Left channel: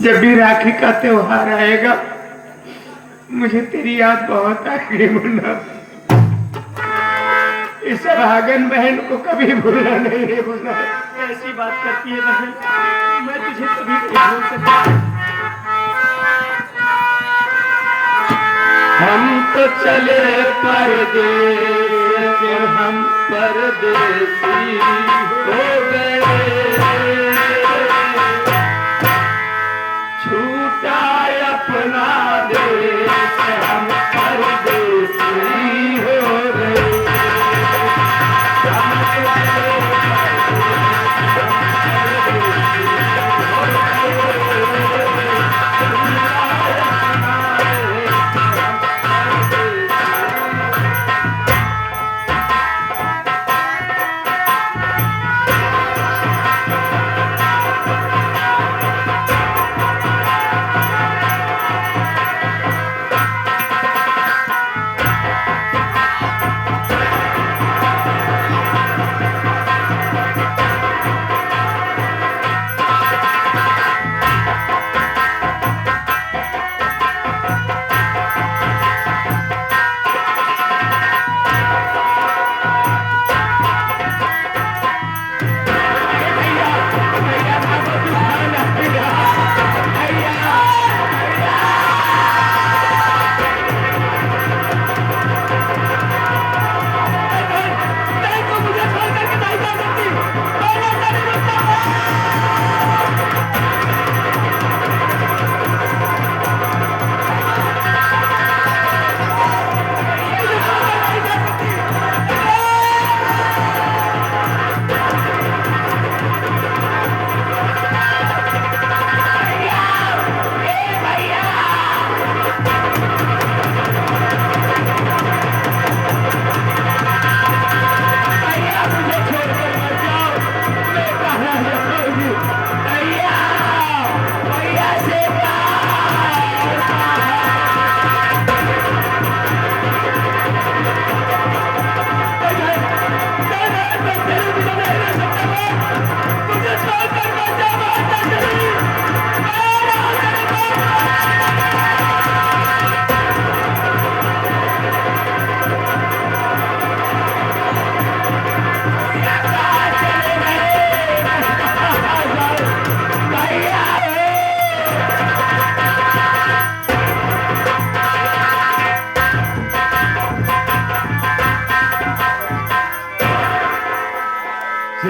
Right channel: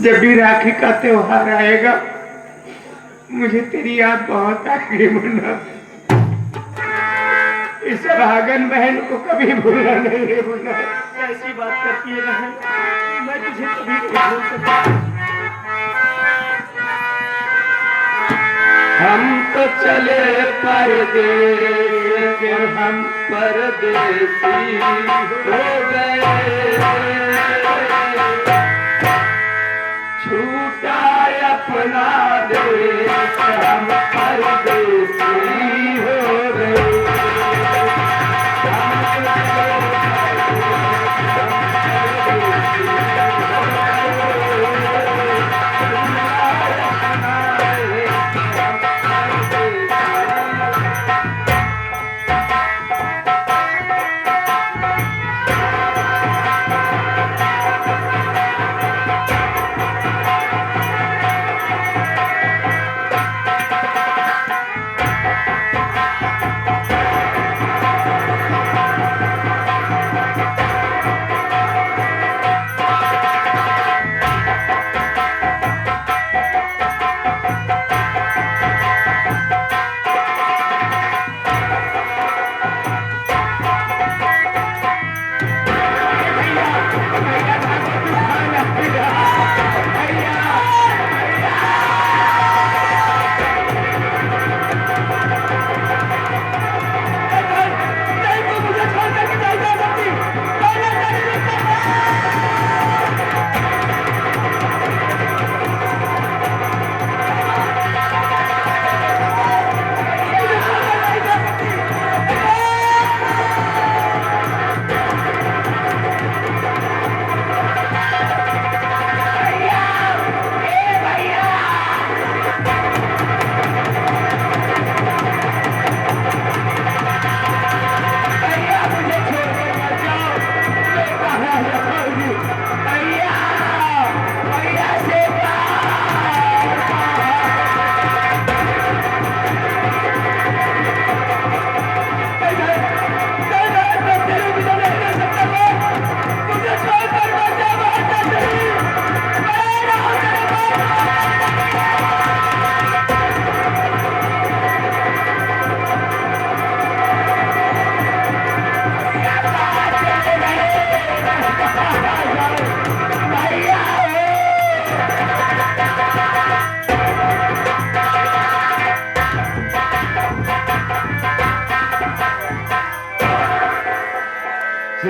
जब भी राखी का त्योहार आएगा मुझे तेरी याद बहुत आएगी मुन्ना। इस भागन बहन को कभी भूलना नहीं है मुन्ना। ऐसी बात करती है बहन, मैं तुझे कभी नहीं भूल सकता। हम तो चले परदेस हम परदेसी हो गए, छूटा अपना देश हम परदेसी हो गए।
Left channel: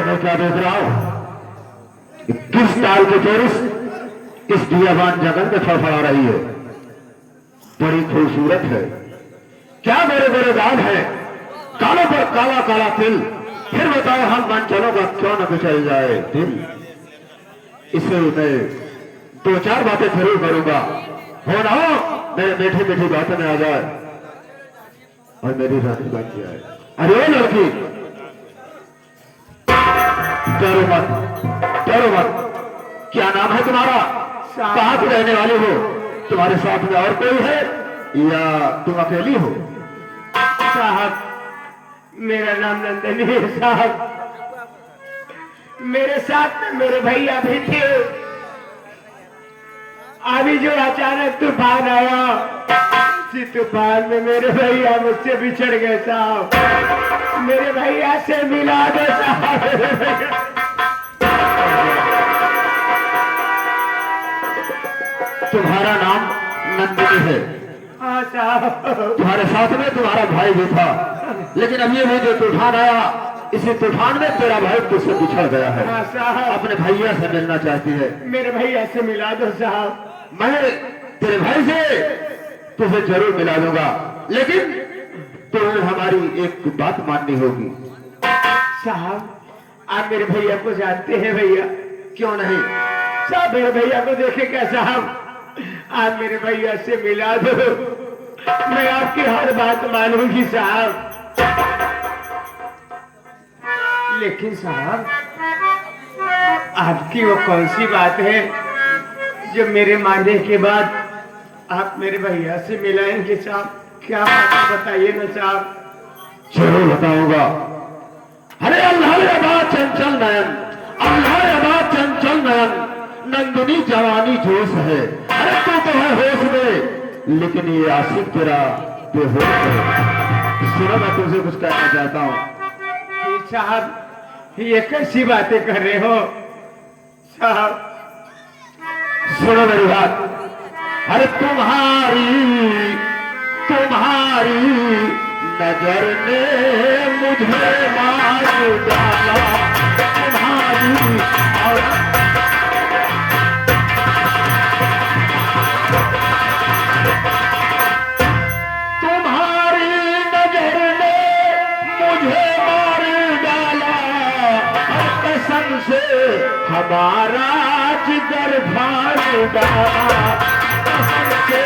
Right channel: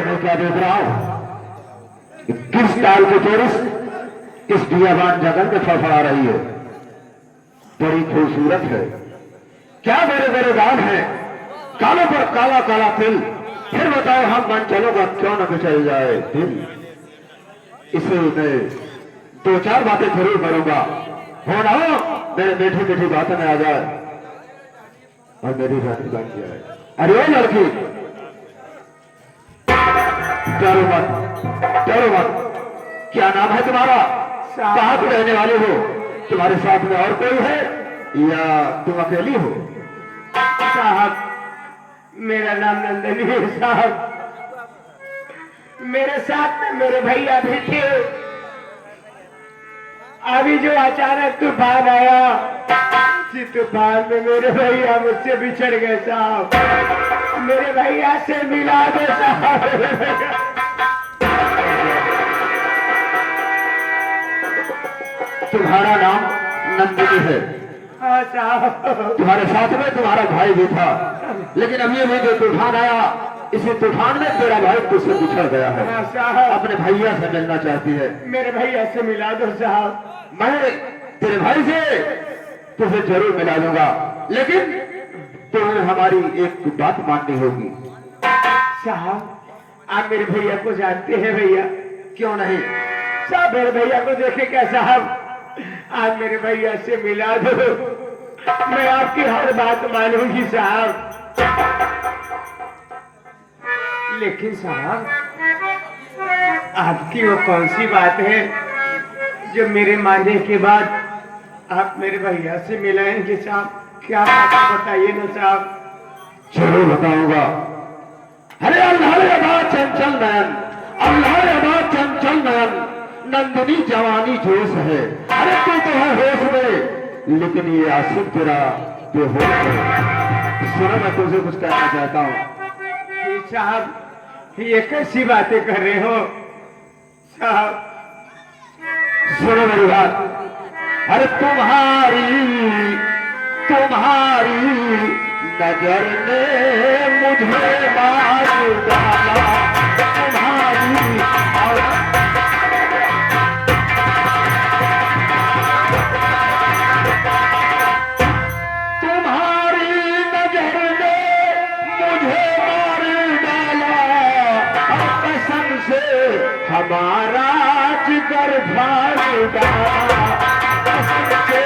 मैं क्या देख रहा हूं? किस साल की टूरिस्ट इस दियाबान जगन में फड़फड़ा रही है। बड़ी खूबसूरत है। क्या बड़े बड़े दाग है, कालों पर काला काला तिल। फिर बताओ हम मन चलोगा क्यों न कुचल जाए दिल। इसे मैं दो चार बातें जरूर करूंगा, हो ना मेरे मीठी मीठी बातें में आ जाए और मेरी रानी बन जाए। अरे ओ लड़की, डरो मत, डरो मत। क्या नाम है तुम्हारा? कहाँ से रहने वाले हो? तुम्हारे साथ में और कोई है या तुम अकेली हो? साहब, मेरा नाम नंदनी है साहब। मेरे साथ में मेरे भैया भी थे। अभी जो अचानक तूफान आया, इसी तूफान में मेरे भैया मुझसे बिछड़ गए साहब। मेरे भैया से मिला दो साहब। तुम्हारा नाम नंदिनी है? हाँ साहब। तुम्हारे साथ में तुम्हारा भाई भी था, लेकिन अब ये जो तूफान आया, इसी तूफान में तेरा भाई तुझसे बिछड़ गया है। हाँ साहब। अपने भैया से मिलना चाहती है। मेरे भैया से मिला दो साहब। मैं तेरे भाई से तुझे जरूर मिला दूंगा, लेकिन तुम्हें हमारी एक बात माननी होगी। साहब, आप मेरे भैया को जानते हैं भैया? क्यों नहीं? साहब, मेरे भैया को देखे क्या साहब? आप मेरे भैया से मिला दो, मैं आपकी हर बात मानूंगी साहब। लेकिन साहब, आपकी वो कौन सी बात है जो मेरे मानने के बाद आप मेरे भैया से मिलाएंगे साहब? क्या बात है बताइए ना साहब। जरूर बताऊंगा। अरे अल्लाह अल्लाह चंचल नयन, अल्लाह अल्लाह चंचल नयन, नंदिनी जवानी जोश है। अरे तू तो है होश में, लेकिन ये आशिक तेरा बेहोश है। सुनो, मैं तुझे कुछ कहना चाहता हूँ। साहब ये कैसी बातें कर रहे हो साहब? सुनो मेरी बात। अरे तुम्हारी नजर ने मुझे मार डाला, तुम्हारी नजर ने मुझे मार डाला, और कसम से हमारा जिगर फाड़ डाला, कसम से।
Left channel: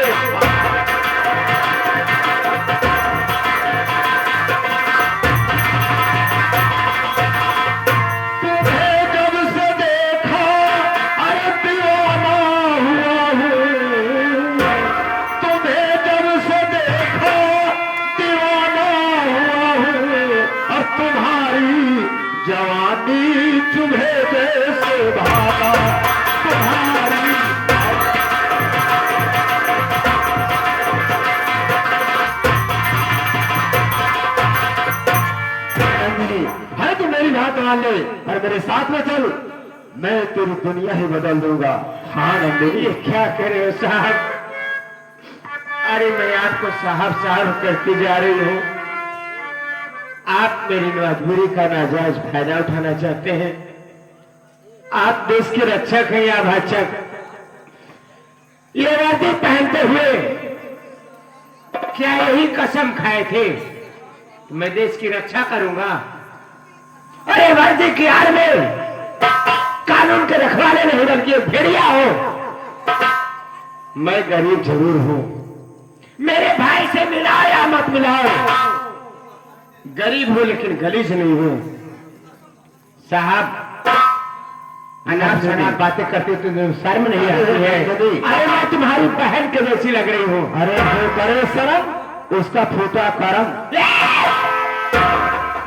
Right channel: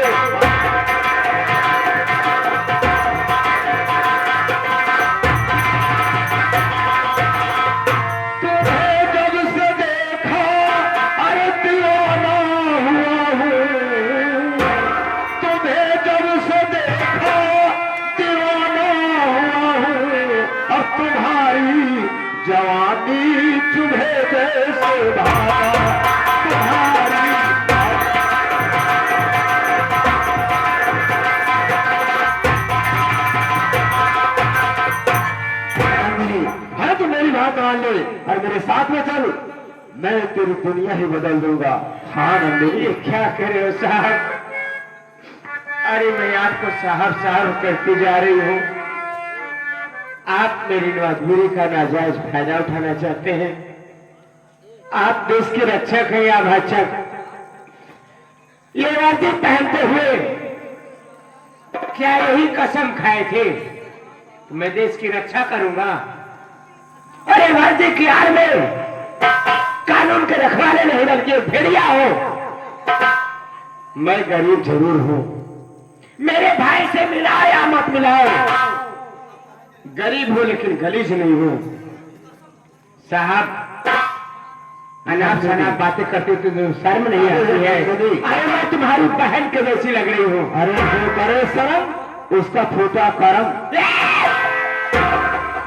जवानी तुम्हें जैसे भागा, तुम्हारी है तो मेरी बात मान ले और मेरे साथ में चल, मैं तेरी दुनिया ही बदल दूंगा। हाँ नंदिनी। ये क्या करे हो साहब? अरे मैं आपको साहब साहब करती जा रही हूँ, आप मेरी मजबूरी का नाजायज फायदा उठाना चाहते हैं। आप देश के रक्षक हैं या भक्षक? ये वर्दी पहनते हुए क्या यही कसम खाए थे कि मैं देश की रक्षा करूंगा? अरे वर्दी की आड़ में कानून के रखवाले नहीं बल्कि भेड़िया हो। मैं गरीब जरूर हूं, मेरे भाई से मिलाओ या मत मिलाओ, गरीब हूं लेकिन गलीज नहीं हूं। साहब अनाप शनाप बातें करते तो शर्म नहीं आती है? अरे मैं तुम्हारी बहन के जैसी लग रही हूँ। अरे जो करे शर्म उसका फूटा करम।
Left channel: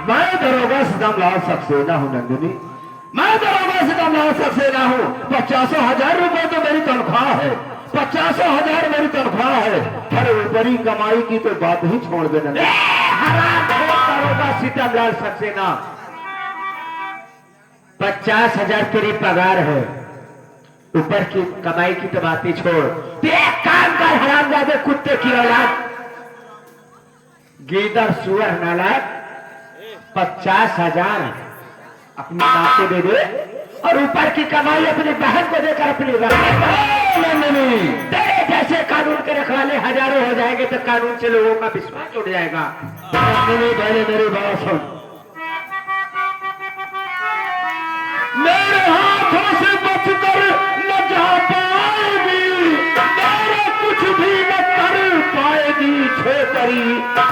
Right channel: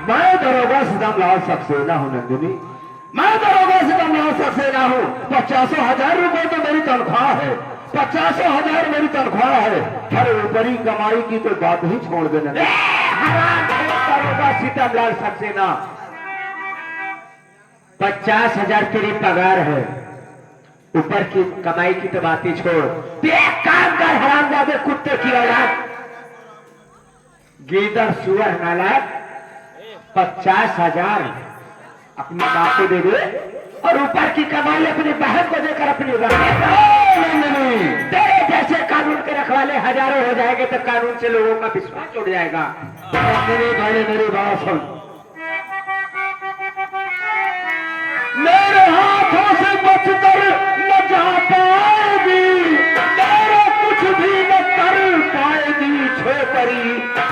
मैं दरोगा सितमलाल सक्सेना हूँ नंदिनी, मैं दरोगा सितमलाल सक्सेना हूँ। 50,000 रुपए तो मेरी तनख्वाह है, 50,000 मेरी तनख्वाह है। अरे ऊपरी कमाई की तो बात ही छोड़ देना। दरोगा सितमलाल सक्सेना, 50,000 तेरी पगार है, ऊपर की कमाई की तो बात ही छोड़। एक काम कर हरामजादे कुत्ते की औलाद, गीदड़ सुअर नालायक, 50,000 अपनी बाप को दे दे और ऊपर की कमाई अपनी बहन को देकर अपनी तेरे जैसे कानून के रखवाले हजारों हो जाएंगे तो कानून से लोगों का विश्वास उड़ जाएगा। मेरी बात सुन, मेरे हाथों से बचकर न जा पाएगी, मेरा कुछ भी न कर पाएगी छोकरी।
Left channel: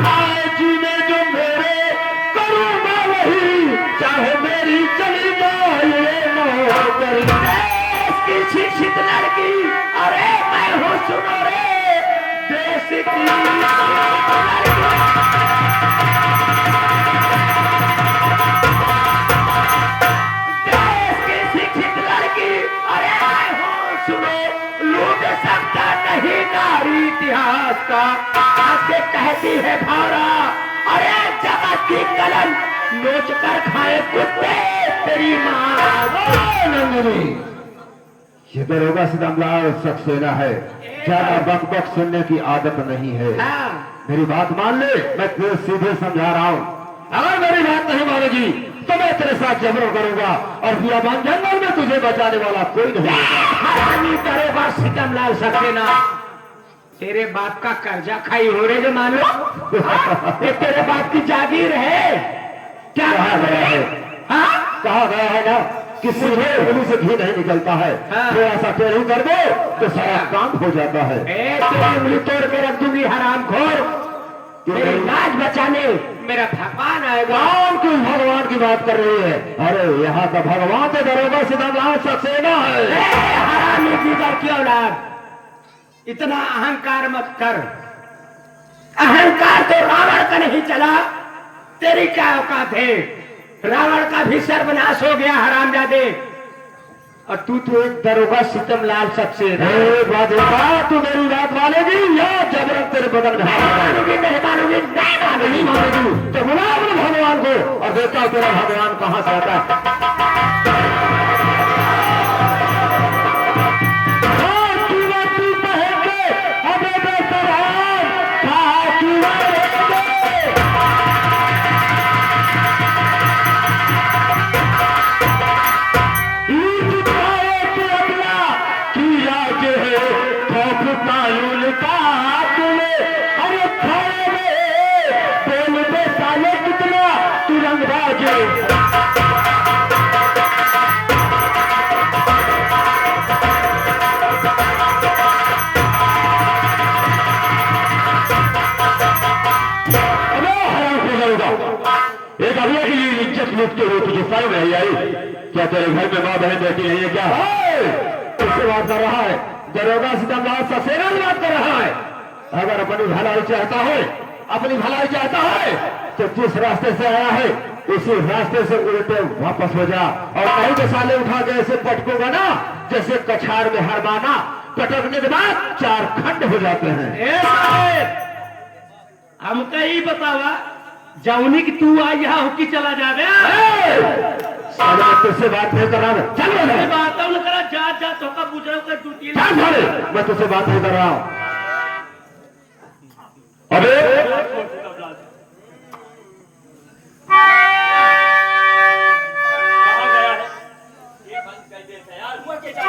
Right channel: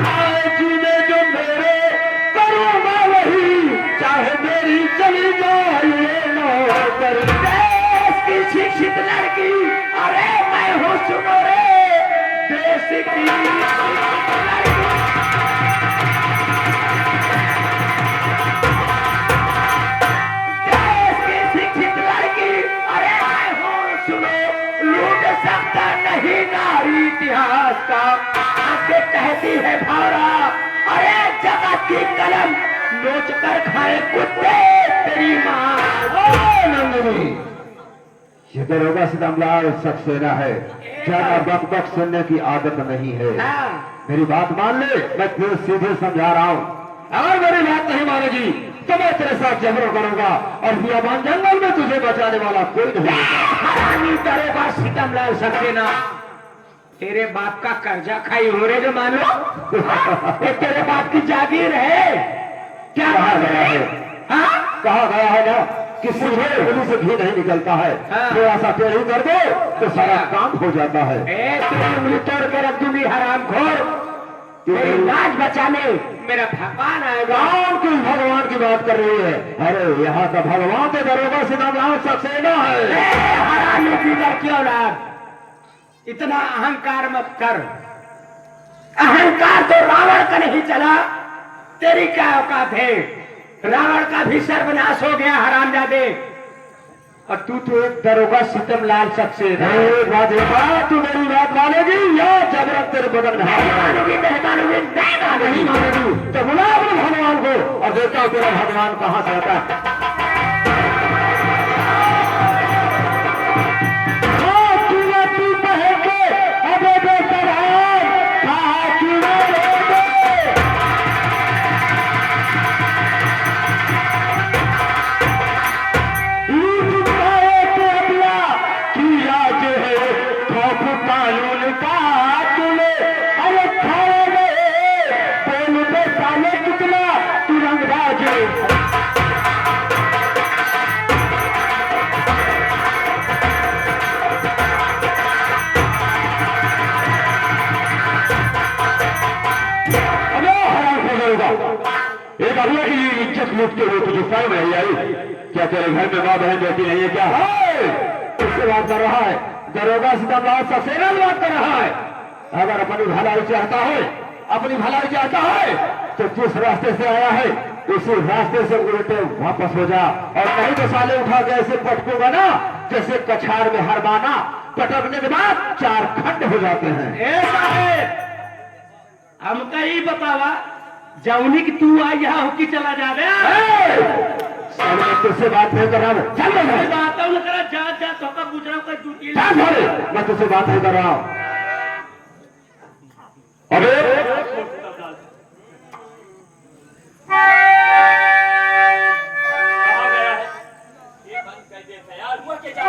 आए जीने जो मेरे करूँगा वही, चाहे मेरी चली जाए नौकरी। देश की शिक्षित लड़की, अरे मैं हूँ सुनो रे, देश की शिक्षित लड़की, अरे मैं हूँ सुनो, लूट सकता नहीं नारी इतिहास का। आके कहती है भावरा, अरे जगत की कलम नोच कर खाए कुत्ते तेरी माँ। नंदिनी, ये दरोगा सितमलाल सक्सेना है, ज्यादा बक बक सुनने की आदत नहीं है। मेरी बात मान ले, मैं तुझे सीधे समझा रहा हूँ। अगर मेरी बात नहीं मानेगी तो मैं तेरे साथ जबरों करूंगा और बियाबान जंगल में तुझे बचाने वाला कोई नहीं होगा। दरोगा सितमलाल सक्सेना, तेरे बाप का कर्जा खाई हो रे जो मान लो। ये तेरे बाप की जागीर है क्या? कहा गया है, हाँ कहा गया है ना कि मुझे उंगली से घी नहीं निकलता है। थोड़ा सा टेढ़ी कर दे तो सारा काम हो जाता है। तेरी उंगली तोड़ के रख दूंगी हरामखोर। तेरी लाज बचाने मेरा भगवान आएगा। कौन किस भगवान की बात कर रही है? अरे यहाँ का भगवान तो दरोगा सितमलाल सक्सेना है। हरामी गीदड़ की औलाद, इतना अहंकार मत कर। अहंकार तो रावण का नहीं चला, तेरी क्या औकात है? रावण का भी सर्वनाश हो गया हरामजादे। और तू तो एक दरोगा सितम लाल सक्सेना। एक बात देखा, तू मेरी बात मानेगी या जबरन तेरे बदन में हाथ मानूंगी नहीं मानूंगी नहीं मानूंगी। नहीं मानेगी तो बुला अपने भगवान को और देखता हूं तेरा भगवान कहां से आता है। एक अगला की इज्जत लूटते हुए तुझे शर्म नहीं आई? क्या तेरे घर में माँ बहन रहती नहीं है क्या? किससे बात कर रहा है? दरोगा सितमलाल सक्सेना से बात कर रहा है। अगर अपनी भलाई चाहता है, अपनी भलाई चाहता है तो जिस रास्ते से आया है उसी रास्ते से उल्टे वापस हो जा, और नहीं तो साले उठा के ऐसे पटकोगा ना जैसे कछाड़ में हरमाना, पटकने के बाद 4 खंड हो जाते हैं। ए साहेब, हमका ही बतावा जौनी की तू आ यहाँ होकी चला जा साले मैं तुझसे बात नहीं कर रहा हूं, चल रहा है। बात है उनका जा तो का पूछ रहा हूँ दूती चल साले, मैं तुझसे बात नहीं कर रहा हूं। अरे कहाँ गया है ये बंद कर दे यार हुआ के जा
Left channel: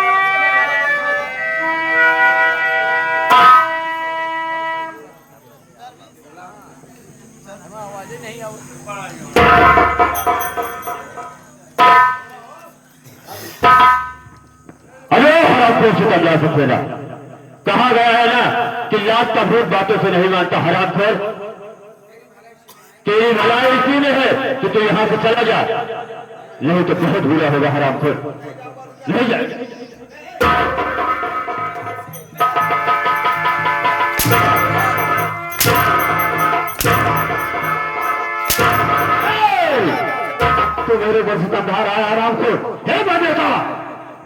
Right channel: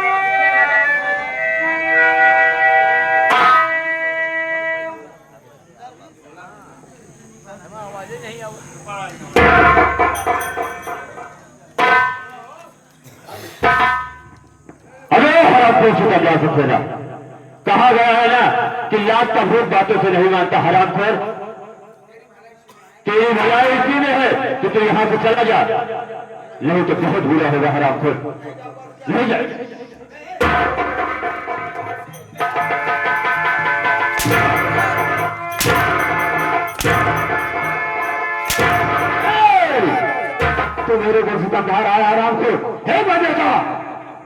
आवाज़ें नहीं अरे हराम खोर जा सकते ना, कहा गया है ना कि लात का भूत बातों से नहीं मानता। हराम खोर, तेरी भलाई इसी में है कि तू यहां से चला जा, नहीं तो बहुत बुरा होगा। हराम खोर नहीं जाए। तो मेरे ऊपर सितमधार आया आराम से। हे बेटा,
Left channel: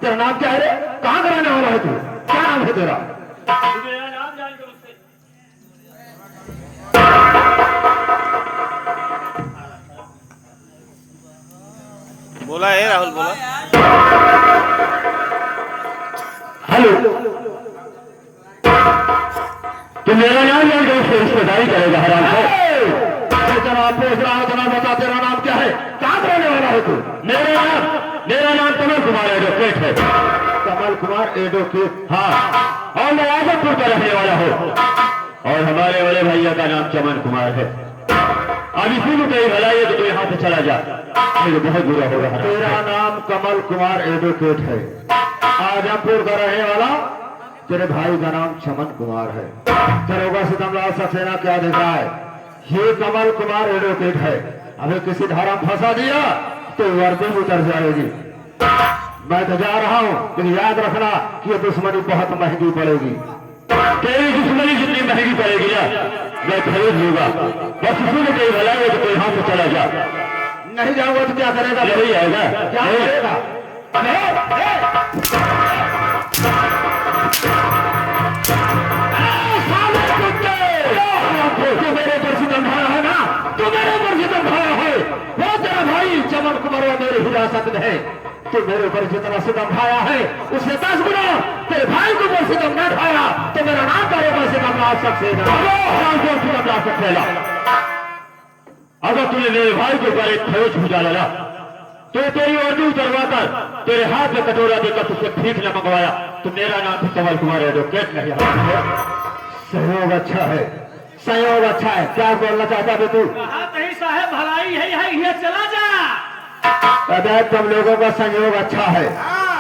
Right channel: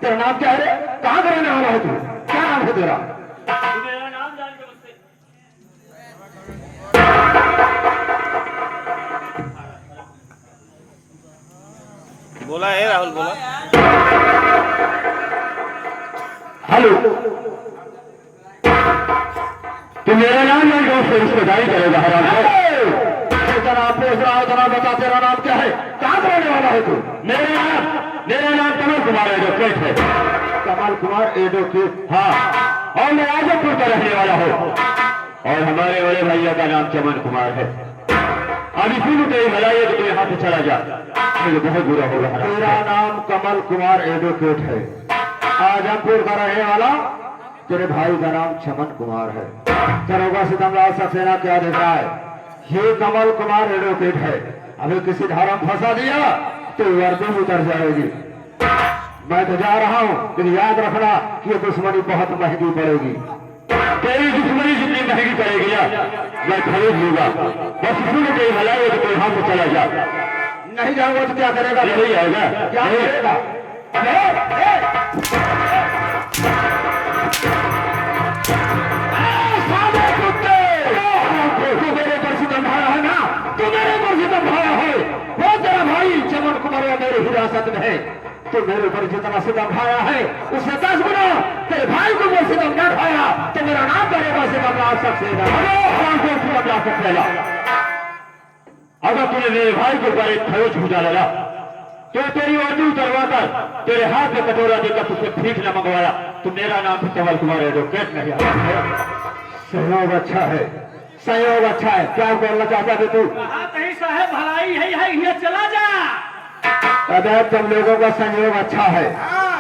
तेरा नाम क्या है रे? कहां का रहने वाला है तू? क्या नाम है तेरा? मेरा नाम जान के मुझसे बोला है राहुल बोला। हेलो, तू मेरा नाम जान के उससे रिश्तेदारी करेगा? हराम से जनाब पूछ रहा हो, जनाब बता तेरा नाम क्या है? कहां का रहने वाला है तू? मेरा नाम कमल कुमार एडवोकेट है। कमल कुमार एडवोकेट? हाँ, और मैं आजमपुर का रहने वाला हूँ, और हमारे बड़े भैया का नाम चमन कुमार है। अब इसी में तेरी भलाई है कि तू यहाँ से चला जा, मुझे बहुत बुरा होगा। तेरा नाम कमल कुमार एडवोकेट है, आजमपुर का रहने वाला, तेरे भाई का नाम चमन कुमार है। दरोगा सितमलाल सक्सेना क्या देख रहा है? ये कमल कुमार एडवोकेट है। अबे किसी धारा में फंसा दिया तो वर्दी उतर जाएगी। मैं तो जा रहा हूं, लेकिन याद रखना कि ये दुश्मनी बहुत महंगी पड़ेगी। तेरी दुश्मनी जितनी महंगी पड़ेगी ना, मैं खरीद लूंगा। बस इसी में कोई भला है तो कोई हाथ से चला जा। नहीं जाऊंगा तो क्या करेगा? नहीं आएगा, क्या करेगा? तू मेरे पर सितमधारा है ना, तू मेरे पर सितमधारा है। वो तेरा भाई चमन कुमार मेरे हिरासत में है। तू मेरे ऊपर जितना सितमधारा है उससे 10 गुना तेरे भाई को मैं सितम न ढाया तो मेरा नाम करेगा सितमलाल सक्सेना। सितमलाल सक्सेना, अगर तूने मेरे भाई के ऊपर एक खरोच बुझा डाला तो तेरी वर्दी उतरवा कर तेरे हाथ में कटोरा देकर तुझसे भीख न मंगवाया तो मेरा नाम कमल कुमार एडवोकेट नहीं है। सहयोग अच्छा है, सहयोग अच्छा है। क्या बोलना चाहता है तू? कहीं साहब भलाई है यहाँ चला जा। अरे तुम लोगों का सहयोग अच्छा है,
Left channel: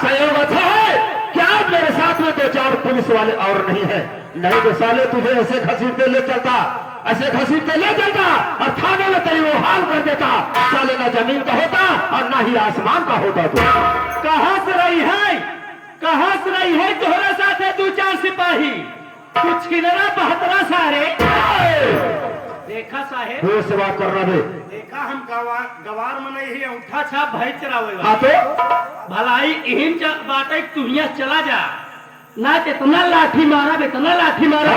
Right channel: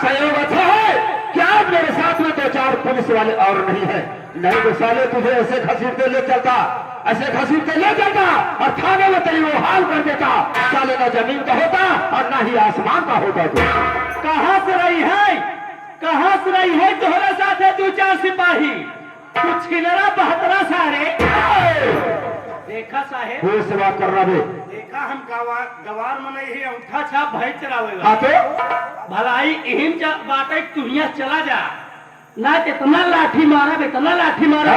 सहयोग अच्छा है। क्या मेरे साथ में 2-4 पुलिस वाले और नहीं है? नहीं तो साले तुझे ऐसे घसीट के ले चलता, ऐसे घसीट के ले चलता और थाने में तेरी वो हाल कर देता। साले ना जमीन का होता और ना ही आसमान का होता। तू कहाँ से रही है, कहाँ से रही है? तोहरे साथ है 2-4 सिपाही, कुछ छिनरा बहतरा सारे। देखा साहेब, से बात कर रहा है। देखा हम गवार में नहीं ही अंगूठा छाप भैंस चरावेगा हाँ तो भलाई इहिन बाटे तू यहाँ चला जा ना इतना लाठी मारा इतना लाठी मारा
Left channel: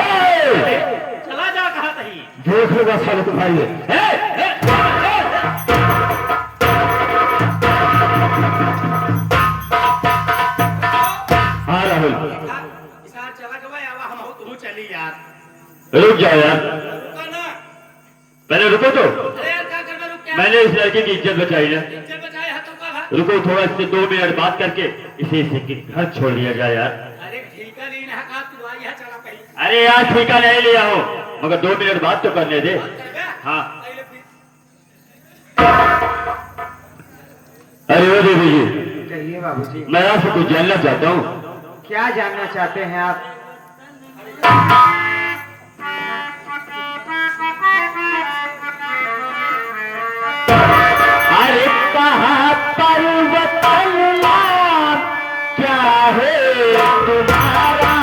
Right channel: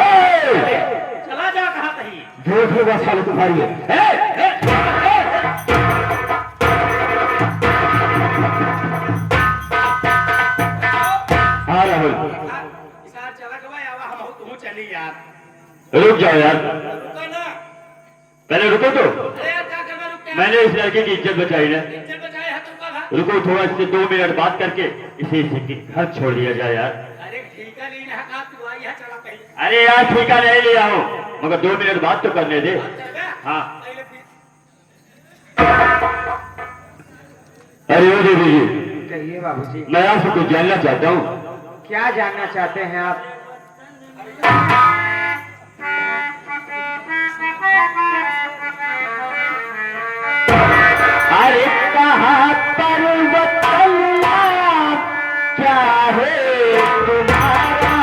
चला जा कहा कहीं देखोगा साले तुम्हारी हाँ राहुल चला के भाई आवा हम तू चली यार रुक जाओ यार रुका ना पहले रुको तो अरे यार क्या करना रुक क्या मैंने इस लड़के की इज्जत बचाई है चल बचाए हाथ रुका था रुको थोड़ा इससे 2 मिनट बात करके इसे इसके घर छोड़ दिया जाए यार अरे ठीक है नहीं कहा तू आई यहाँ चला पहले अरे यार ठीका नहीं लिया हो मगर 2 मिनट बात तो करने दे हाँ पहले फिर अरे ओ देवी जी कहिए बाबूजी, मैं आपसे कुछ जानना चाहता हूँ क्या जानना चाहते हैं आप? अरे कहा पर्वत क्या है तुम्हारा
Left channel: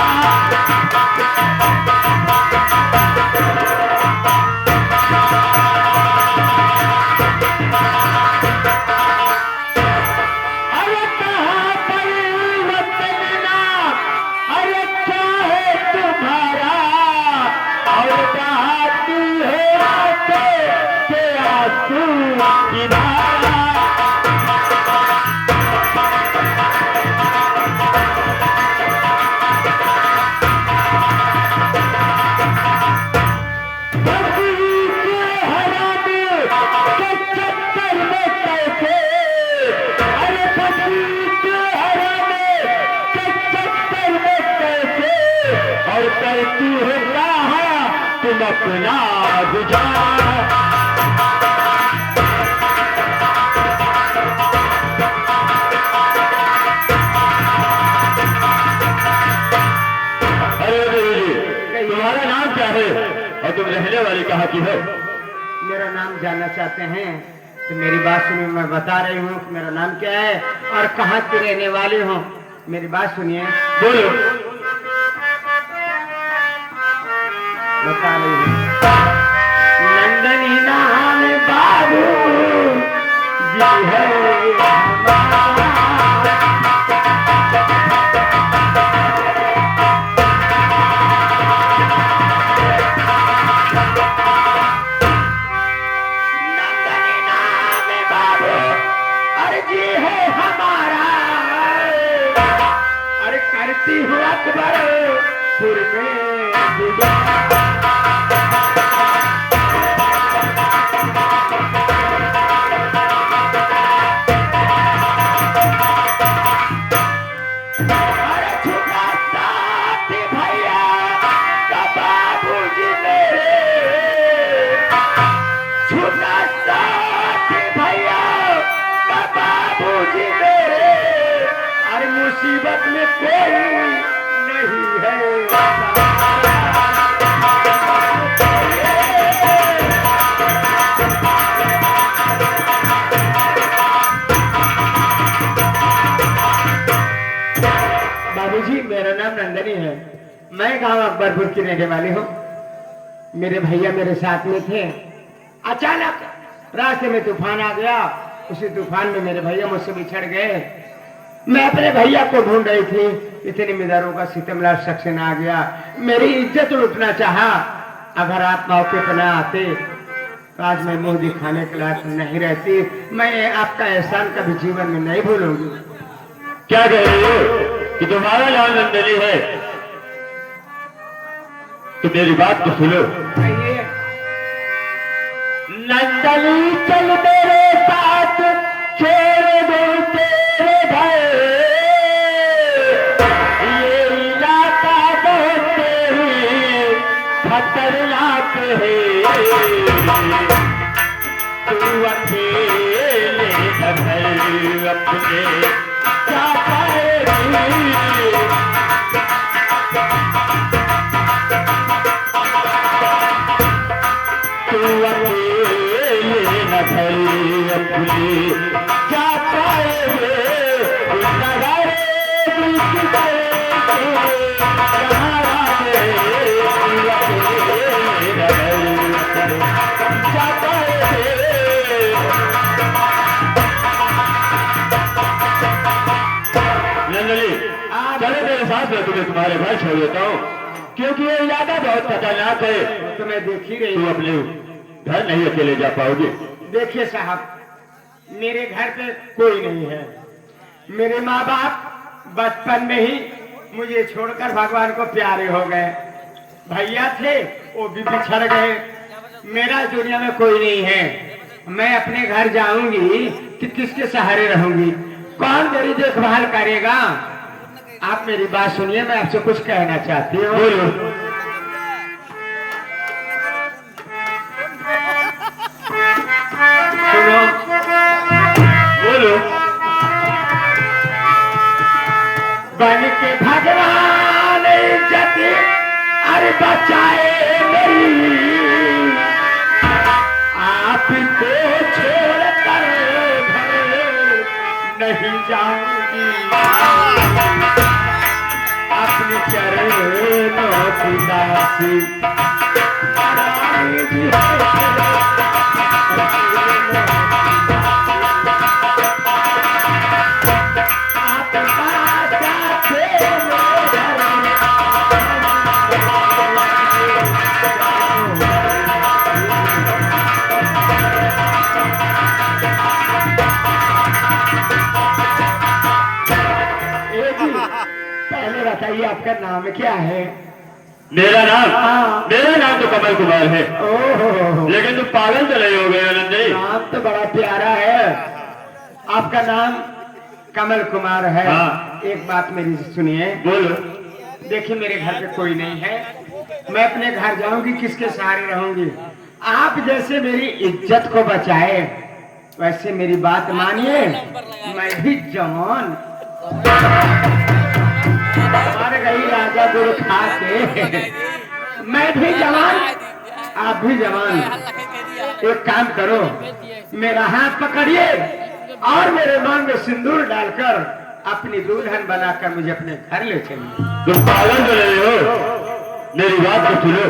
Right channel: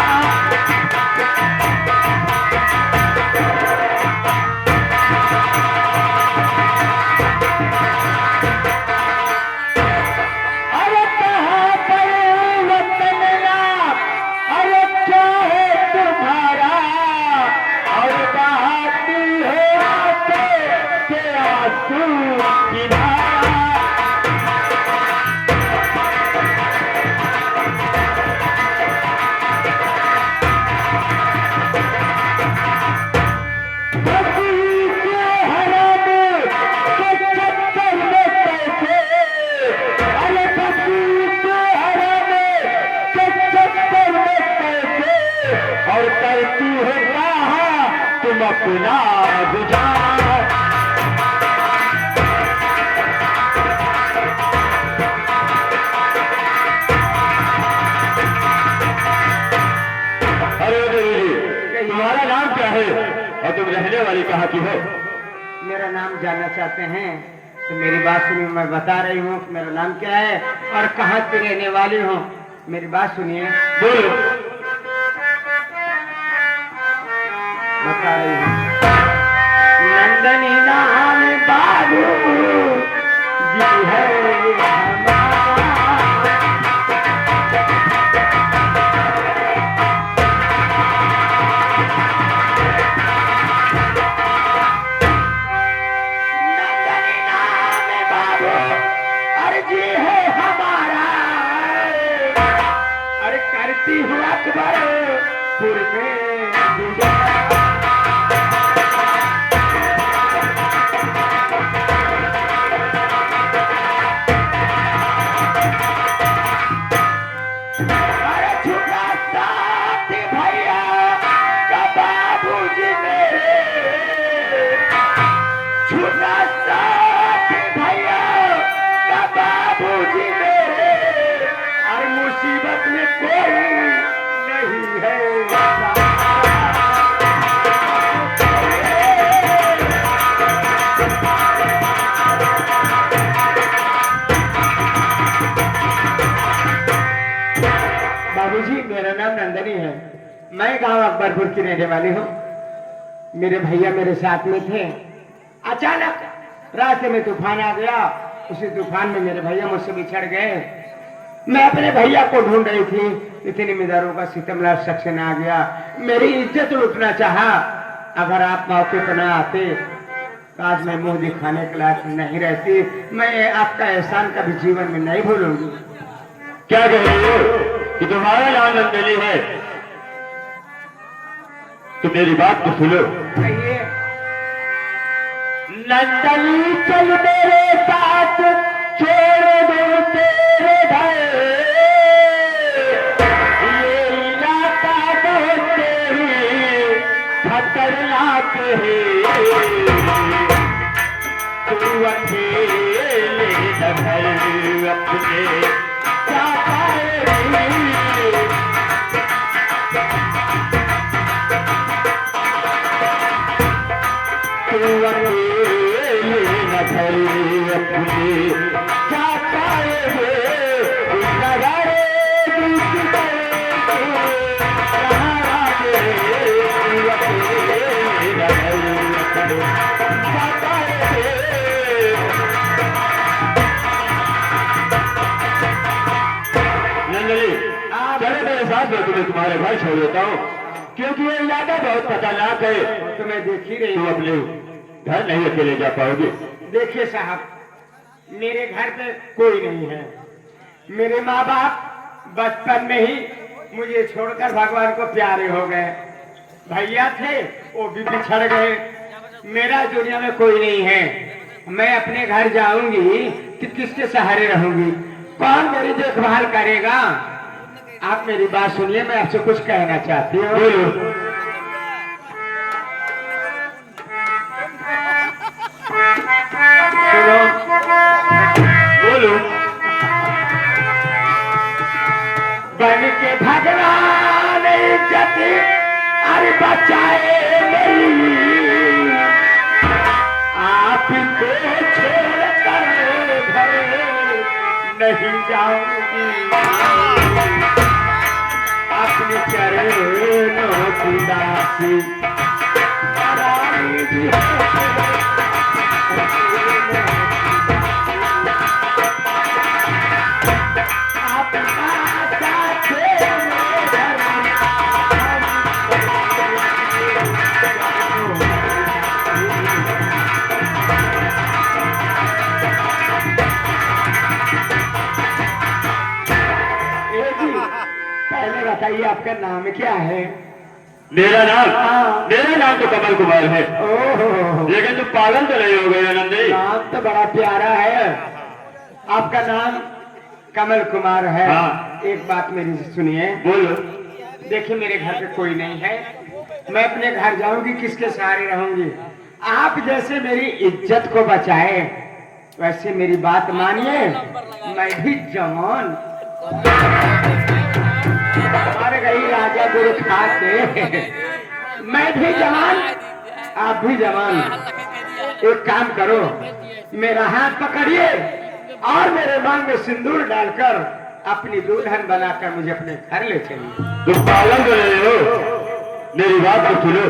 अरे कहा पर्वत अरे क्या है तुम्हारा और बहाती है आंखें के आंसू किनारा और करती है राह तुम अपना गुजारा अरे देवी जी तुम्हारा नाम क्या है और तुम रहने वाली कहाँ की हो मेरा नाम जानना चाहते हैं तो मेरी बात सुनिए, मैं बता रही हूँ कि मेरा नाम क्या है और कहाँ की रहने वाली हूँ। मेरी बात सुनिए, बोलो बता रही हूँ। नंदनी नाम बाबू जी है हमारा। नंदनी नाम बाबू अरे जी है हमारा। अरे करती हूँ अकबरपुर में गुजारा। अरे छुपा साथी भैया का बाबूजी मेरे, छुपा साथी भैया का बाबूजी मेरे। अरे मुसीबत में कोई नहीं है। बाबूजी मेरा नाम नंदनी है, मैं गांव अकबरपुर की रहने वाली हूँ। मेरे भैया मेरे साथ में थे, अचानक रास्ते में तूफान आ गया। उसी तूफान में मेरे भैया मुझसे बिछड़ गए। मैं अपने भैया को ढूंढ रही थी, इतनी मिजारों का सितमला शख्स आ गया, मेरी इज्जत लुटना चाहा। अगर आप मौके पर न आते तो आज मैं मुंह दिखाने के लायक नहीं रहती। मैं आपका एहसान कभी जीवन में नहीं भूलूंगी। क्या कह रही हो कि तुम्हारा नाम नंदनी है? तो मेरी बात तो सुनो। कहिए। नंदनी चल मेरे साथ छोड़ दो तेरे घर, ये इलाका बहुत तेरी खतरनाक है। तू अकेले घर अपने क्या पाएगी? तू अकेले न घर अपने क्या पाएगे? नगर दूसरे सहारा दे, तू अकेले न घर अपने क्या पाएगे? कि मैं तुम्हारे घर छोड़ देता हूँ, क्योंकि ये इलाका बहुत खतरनाक है। तो मैं देख ही रही तुम हूँ। अपने घर नहीं अकेले जा पाओगे। देखिए साहब, मेरे घर पे कोई नहीं है। मेरे माँ बाप बचपन में ही मुझे छोड़कर भगवान को प्यारे हो गए। भैया थे, वो भी बिछड़ गए। मेरा दुनिया में कोई नहीं है। मैं अपने घर जाऊंगी कि किसके सहारे रहूंगी? कौन मेरी देखभाल करेगा? आप मेरी बात सुनिए, मैं आपसे कुछ कहना चाहती हूँ। बोलो। सुनो, बोलो। बन के भगवान इज्जत अरे बचाए मेरी, आपको छोड़कर घर नहीं जाऊंगी। अपने चरणों की दासी रानी जी पहले बताइए आपका नाम क्या है? मेरा नाम? हाँ। मेरा नाम तो कमल कुमार है। ओहो, लेकिन तुम पागल तो नहीं हो गए आनंद जी? नाम तो बड़ा प्यारा है। आपका नाम कमल कुमार है। हाँ। एक बात मेरी सुनिए। बोलो। देखिए, मेरे घर पे कोई नहीं है। मैं अपने घर जाऊंगी, किसके सहारे रहूंगी? आप जैसे मेरी इज्जत को बचाए, वैसे मेरी बात मानिए। मैं भी जवान मर गई राजा गुरु खा के। मैं भी जवान, आप भी जवान। एक काम करो, मेरा हाथ पकड़िए और मेरे मांग में सिंदूर डालकर अपनी दुल्हन बनाकर मुझे अपने घर ले चलिए। तुम पागल तो नहीं हो? मेरी बात तो सुनो।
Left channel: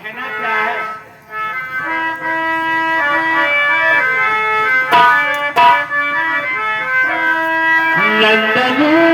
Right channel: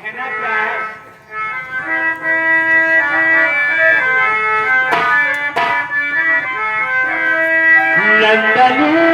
कहना क्या है? नंदनी